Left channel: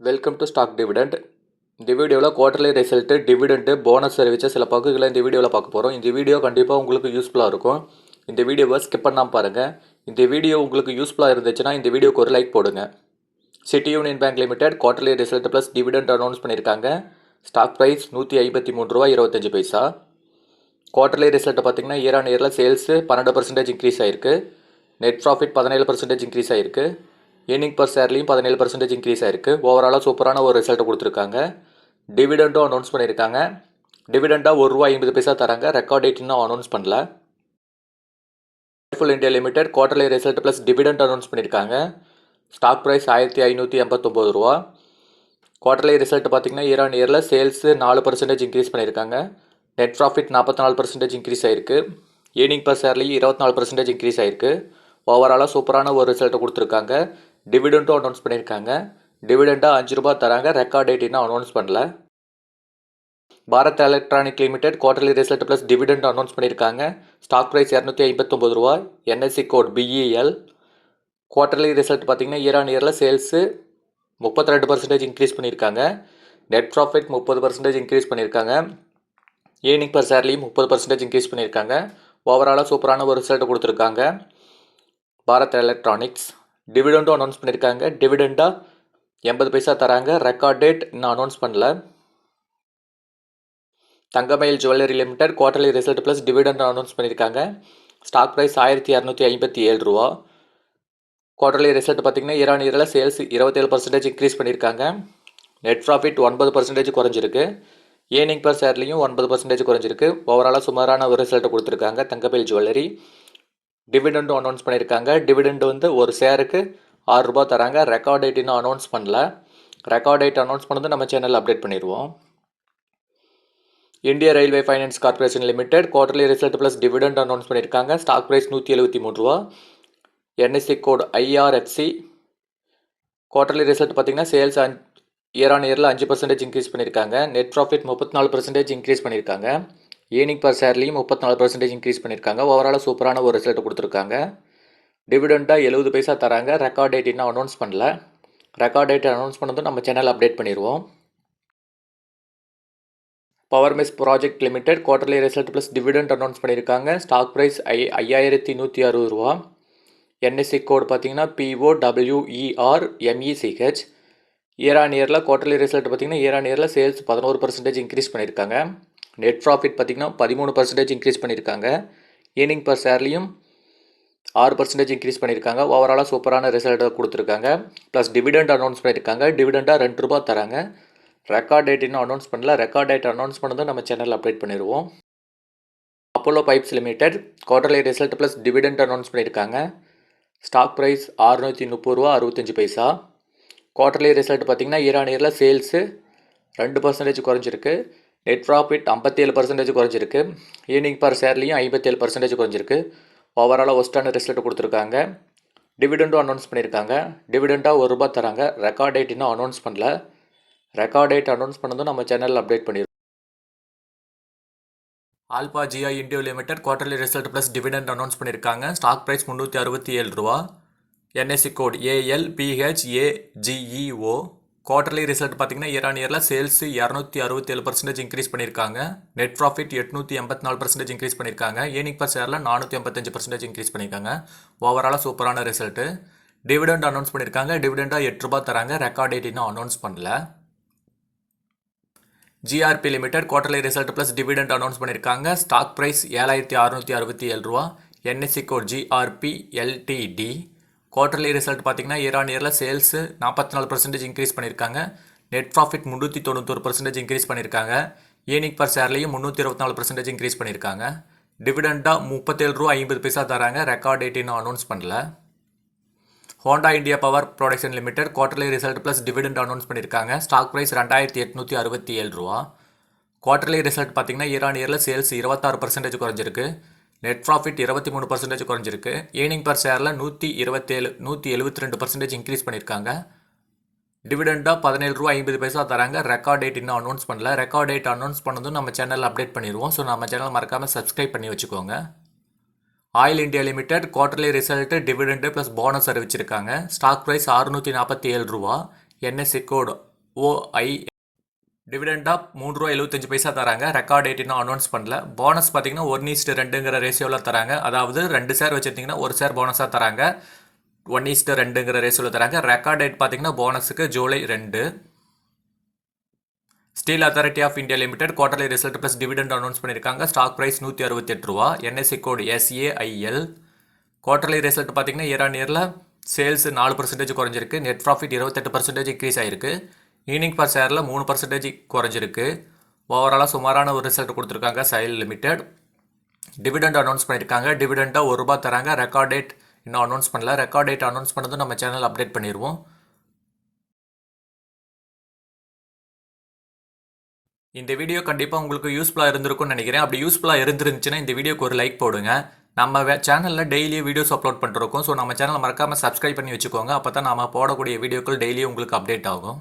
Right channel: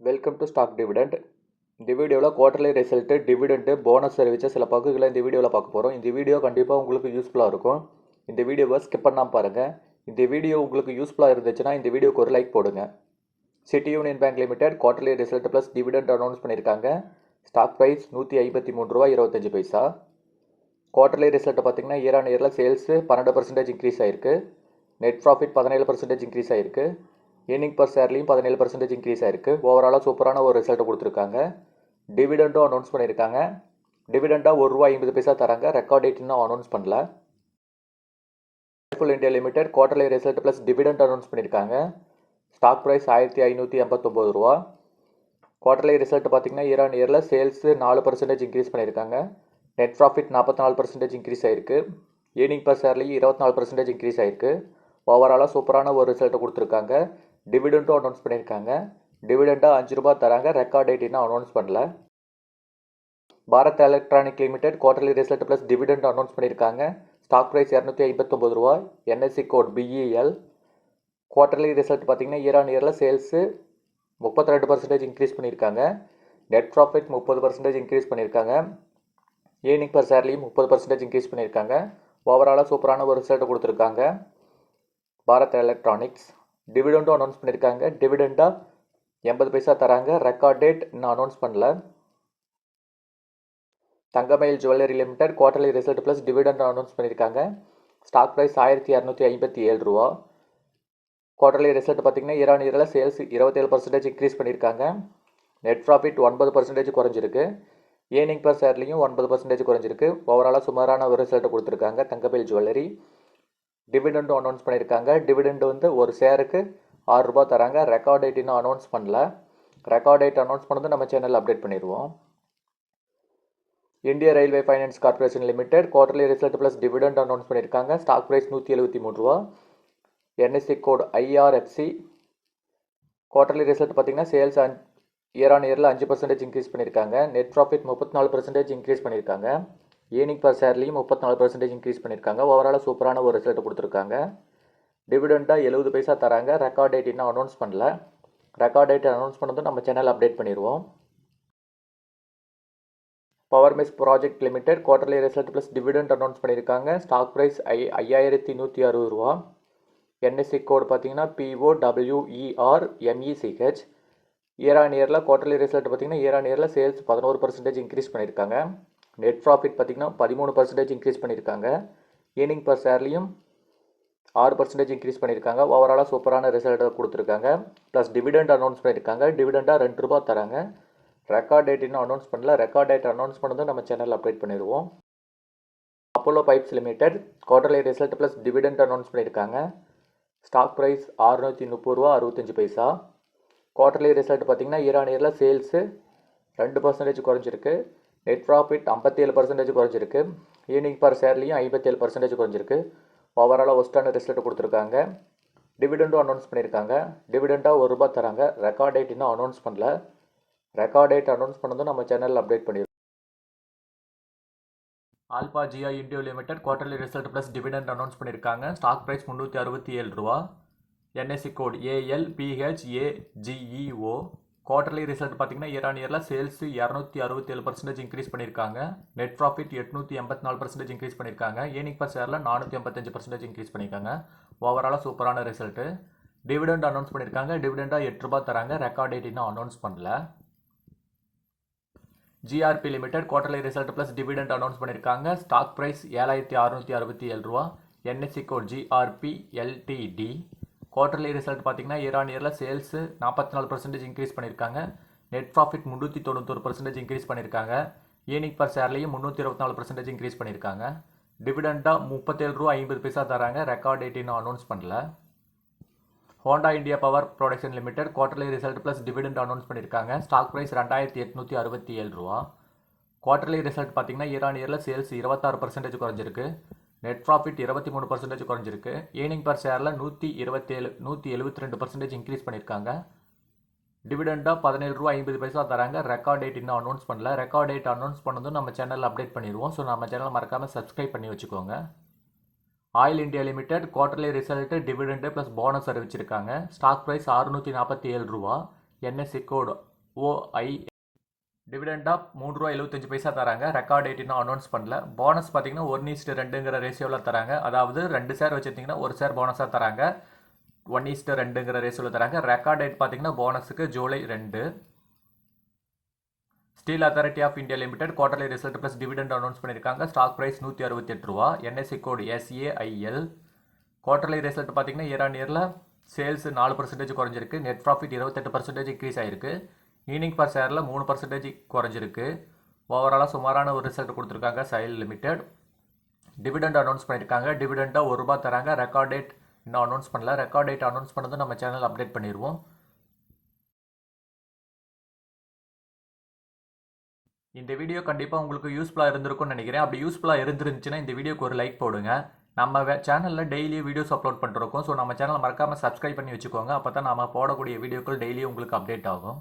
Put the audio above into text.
Welcome to stock dividend. இந்த வீடியோவில் quarterly result, dividend, bonus அறிவித்த சில பங்குகளை இந்த வீடியோவில் பார்க்க போகிறோம். இந்த வீடியோ கண்டிப்பாக உங்களுக்கு யூஸ்ஃபுல்லாக இருக்கும். இந்த வீடியோவை ஸ்கிப் பண்ணாமல் பாருங்கள். இந்த வீடியோ உங்களுக்கு யூஸ்ஃபுல்லாக இருந்துச்சுன்னா இந்த வீடியோக்கு ஒரு லைக் போடுங்க. City union bank limited quarterly result plus dividend announce பண்ணியிருக்காங்க. Stock price ₹153.25. குவார்டர்லி ரிசல்ட்டை பார்த்தீங்கன்னா இயர் ஆன் இயரில் சேல்ஸு 12% இன்க்ரீஸ் ஆகிருக்கு. நெட் ப்ராஃபிட் 17% இன்க்ரீஸ் ஆகிருக்கு. ஏர்னிங் பர் ஷேர்லையும் 17% இன்க்ரீஸ் ஆயிருக்கு. ஓவராலாக சூப்பரான ஒரு ரிசல்ட் கொடுத்துருக்காங்க. டிவிடெண்டும் அனௌன்ஸ் பண்ணியிருக்காங்க. டிவிடெண்டாக ₹1.50 தராங்க. ரெக்கார்ட் டேட் இன்னும் அனௌன்ஸ் பண்ணல. Full India limited quarterly result plus dividend announce பண்ணியிருக்காங்க. Stock price ₹1589. குவார்டர்லி ரிசல்ட் பார்த்தீங்கன்னா இயர் ஆன் இயரில் சேல்ஸு 4% இன்க்ரீஸ் பண்ணியிருக்காங்க. நெட் ப்ராஃபிட் 44% இன்க்ரீஸ் ஆயிருக்கு. ஏர்னிங் பர் ஷேர்லையும் 24% இன்க்ரீஸ் ஆயிருக்கு. ஓவராலாக சூப்பரான ஒரு ரிசல்ட்டை கொடுத்துருக்காங்க. டிவிடெண்ட்டும் அனௌன்ஸ் பண்ணியிருக்காங்க. டிவிடெண்டாக ₹5 தராங்க. ரெக்கார்ட் டேட் இன்னும் அனௌன்ஸ் பண்ணல. Bharat electronic limited quarterly result plus dividend announce பண்ணியிருக்காங்க. Stock price ₹259. NSC code BEL. Quarterly result பார்த்தீங்கன்னா இயர் ஆன் இயரில் சேல்ஸு 32% இன்க்ரீஸ் பண்ணியிருக்காங்க. நெட் ப்ராஃபிட் 30% இன்க்ரீஸ் பண்ணியிருக்காங்க. ஏர்னிங் பர் ஷேர்லையும் 30% இன்க்ரீஸ் பண்ணியிருக்காங்க. ஓவராலாக சூப்பரான ஒரு ரிசல்ட் கொடுத்துருக்காங்க. பாரத் எலக்ட்ரானிக்ஸ் டிவிடெண்டும் அனௌன்ஸ் பண்ணியிருக்காங்க. டிவிடெண்டாக ₹80 தராங்க. ரெக்கார்ட் டேட் இன்னும் அனௌன்ஸ் பண்ணல. Thangamayil jewellery limited quarterly result plus dividend announce பண்ணியிருக்காங்க. Stock price ₹1257. குவார்டர்லி ரிசல்ட் பார்த்தீங்கன்னா இயர் ஆன் இயரில் சேல்ஸ் 27% இன்க்ரீஸ் பண்ணியிருக்காங்க. நெட் ப்ராஃபிட் 9% குறைஞ்சிருக்கு. ஏர்னிங் பர் ஷேர்லையும் 9% குறைஞ்சிருக்கு. ஓவராலாக சுமாரான ஒரு ரிசல்ட்டை கொடுத்துருக்காங்க தங்கமயில் ஜுவல்லரி. டிவிடெண்டும் அனௌன்ஸ் பண்ணியிருக்காங்க. டிவிடெண்ட் ஒரு ஷேருக்கு ₹6 தராங்க. ரெக்கார்ட் டேட் இன்னும் அனௌன்ஸ் பண்ணல. ரெக்கார்ட் டேட் அனௌன்ஸ் பண்ணது நம்ம சேனலில் அப்டேட் பண்ணிடுவோம். India railway finance corporation limited quarterly result plus dividend announce பண்ணியிருக்காங்க. Stock price ₹173. NSC code IRFC. Quarterly result பார்த்தீங்கன்னா சேல்ஸ் இயர் ஆன் இயரில் 5% இன்க்ரீஸ் பண்ணியிருக்காங்க. நெட் ப்ராஃபிட் 34% இன்க்ரீஸ் பண்ணியிருக்காங்க. ஏர்னிங் பர் ஷேர்லையும் 34% இன்க்ரீஸ் பண்ணியிருக்காங்க. ஓவராலாக சூப்பரான ஒரு ரிசல்ட் கொடுத்துருக்காங்க. டிவிடெண்டாக ₹70 தராங்க. ரெக்கார்ட் டேட் இன்னும் அனௌன்ஸ் பண்ணல. ரெக்கார்ட் டேட் அனௌன்ஸ் பண்ணதும் நம்ம சேனல் அப்டேட் பண்ணிடுவோம். Power mech project limited quarterly result plus dividend announce பண்ணியிருக்காங்க. Stock price ₹5160. என்எஸ்சி கோட் பார்த்தீங்கன்னா POWERMECH. இயர் ஆன் இயரில் குவார்டர்லி ரிசல்ட் பார்த்தீங்கன்னா இயர் ஆன் இயரில் சேல்ஸ் 11% இன்க்ரீஸ் பண்ணியிருக்காங்க. நெட் ப்ராஃபிட் பார்த்தீங்கன்னா 13% இன்க்ரீஸ் பண்ணியிருக்காங்க. ஏர்னிங் பர் ஷேர்லையும் 6% இன்க்ரீஸ் பண்ணியிருக்காங்க. ஓவராலாக சூப்பரான ரிசல்ட்டை கொடுத்துருக்காங்க. ப்ளஸ் டிவிடெண்ட் அனௌன்ஸ் பண்ணியிருக்காங்க. டிவிடெண்டாக ₹2 தராங்க. ரெக்கார்ட் டேட் இன்னும் அனௌன்ஸ் பண்ணல. ரெக்கார்ட் டேட் அனௌன்ஸ் பண்ணதும் நம்ம சேனலில் அப்டேட் பண்ணிடுவோம். Apollo pipes limited quarterly result plus dividend announce பண்ணியிருக்காங்க. Stock price ₹630.65. குவார்டர்லி ரிசல்ட் பார்த்தீங்கன்னா இயர் ஆன் இயரில் சேல்ஸு 2% குறைஞ்சிருக்கு. நெட் ப்ராஃபிட் 57% குறைஞ்சிருக்கு. ஏர்னிங் பர் ஷேர்லையும் 57% குறைஞ்சிருக்கு. ஓவராலாக ஒஸ்டான ரிசல்ட் கொடுத்துருக்காங்க. டிவிடெண்டும் அனௌன்ஸ் பண்ணியிருக்காங்க. டிவிடெண்டாக ₹1 தராங்க. ரெக்கார்ட் டேட் இன்னும் அனௌன்ஸ் பண்ணல. ரெக்கார்ட் டேட் அனௌன்ஸ் பண்ணதும் நம்ம சேனலில் அப்டேட் பண்ணிடுவோம். Alpha geo India limited quarterly result plus dividend announce பண்ணியிருக்காங்க. Stock price ₹367. NSC code ALPHAGEO. Quarterly result பார்த்தீங்கன்னா இயர் ஆன் இயரில் சேல்ஸ் 267% இன்க்ரீஸ் பண்ணியிருக்காங்க. நெட் ப்ராஃபிட் 884% இன்க்ரீஸ் பண்ணியிருக்காங்க. ஏர்னிங் பர் ஷேரில் 485% இன்க்ரீஸ் பண்ணியிருக்காங்க. ஓவராலாக சூப்பரான ரிசல்ட்டு. டிவிடெண்ட் அனௌன்ஸ் பண்ணியிருக்காங்க. டிவிடெண்டாக ₹8 தராங்க. ரெக்கார்ட் டேட் இன்னும் அனௌன்ஸ் பண்ணல. GRP limited quarterly result plus dividend announce பண்ணியிருக்காங்க. Stock price ₹7667. NSC code GRP LTD. Quarterly result பார்த்தீங்கன்னா இயர் ஆன் இயரில் சேல்ஸு 44% இன்க்ரீஸ் பண்ணியிருக்காங்க. நெட் ப்ராஃபிட் 391% இன்க்ரீஸ் பண்ணியிருக்காங்க. ஏர்னிங் பர் ஷேர்லையும் 324% இன்க்ரீஸ் பண்ணியிருக்காங்க. டிவிடெண்டாக ₹37.50 தராங்க. ரெக்கார்ட் டேட் இன்னும் அனௌன்ஸ் பண்ணல. Honda India power production limited quarterly result plus dividend announce பண்ணியிருக்காங்க. Stock price ₹2867. குவார்டர்லி ரிசல்ட் பார்த்தீங்கன்னா இயர் ஆன் இயரில் சேல்ஸ் 26% குறைஞ்சிருக்கு. நெட் ப்ராஃபிட் 23% குறைஞ்சிருக்கு. ஏர்னிங் பர் ஷேரில் 172% இன்க்ரீஸ் பண்ணியிருக்காங்க. டிவிடெண்டாக ₹17.50 தராங்க. ரெக்கார்ட் டேட் இன்னும் அனௌன்ஸ் பண்ணல. ரெக்கார்ட் டேட் அனௌன்ஸ் பண்ணதும் நம்ம சேனலில் அப்டேட் பண்ணிடுவோம். ஸோ நம்ம சேனல் மறக்காமல் சப்ஸ்கிரைப் பண்ணி வச்சுக்கோங்க. Oil India limited quarterly result dividend plus bonus அறிவிச்சிருக்காங்க. Stock price ₹647. NSC code OI டிவிடெண்டாக ₹3.75 தராங்க. ரெக்கார்ட் டேட் இன்னும் அனௌன்ஸ் பண்ணல. போனஸ் பார்த்தீங்கன்னா 1:2ங்கிற ரேஷியோவில் தராங்க. அதாவது 2 ஷேர் வச்சுருந்தீங்கன்னா 1 ஷேர் போனஸாக தராங்க. 1:2ங்கிற ரேஷியோவில் தராங்க. ரெக்கார்ட் டேட் பார்த்தீங்கன்னா போனஸுக்கு July 2. Steel authority of India limited quarterly result plus dividend announce பண்ணியிருக்காங்க. Stock price ₹168. NSC code SAIL. Quarterly result பார்த்தீங்கன்னா இயர் ஆன் இயரில் சேல்ஸ் 4% குறைஞ்சிருக்கு. நெட் ப்ராஃபிட் 28% இன்க்ரீஸ் ஆகிருக்கு. ஈர்னிங் பர் ஷேரில் 3% குறைஞ்சிருக்கு. ஓவராலாக சுமாரான ஒரு ரிசல்ட் கொடுத்துருக்காங்க SAIL லிமிடெட். டிவிடெண்ட் அனௌன்ஸ் பண்ணியிருக்காங்க. டிவிடெண்டாக ₹1 தராங்க. ரெக்கார்ட் டேட் இன்னும் அனௌன்ஸ் பண்ணல. ரெக்கார்ட் டேட் அனௌன்ஸ் பண்ணதும் நம்ம சேனல் அப்டேட் பண்ணிடுவோம். இந்த வீடியோ கண்டிப்பாக உங்களுக்கு யூஸ்ஃபுல்லாக இருந்திருக்கும்னு நினைக்கிறேன். அப்படி யூஸ்ஃபுல்லாக இருந்துருந்துச்சுன்னா இந்த வீடியோக்கு ஒரு லைக் போடுங்க. நம்ம சேனலில் டெய்லி வீடியோஸ் அப்லோட் பண்ணிருக்கோம். ஸோ நம்ம சேனலை மறக்காமல் சப்ஸ்கிரைப் பண்ணி வச்சுக்கோங்க. அப்போ தான் நம்ம போடக்கூடிய வீடியோக்கள் டெய்லியும் உங்களுக்கு அப்டேட் ஆகும்.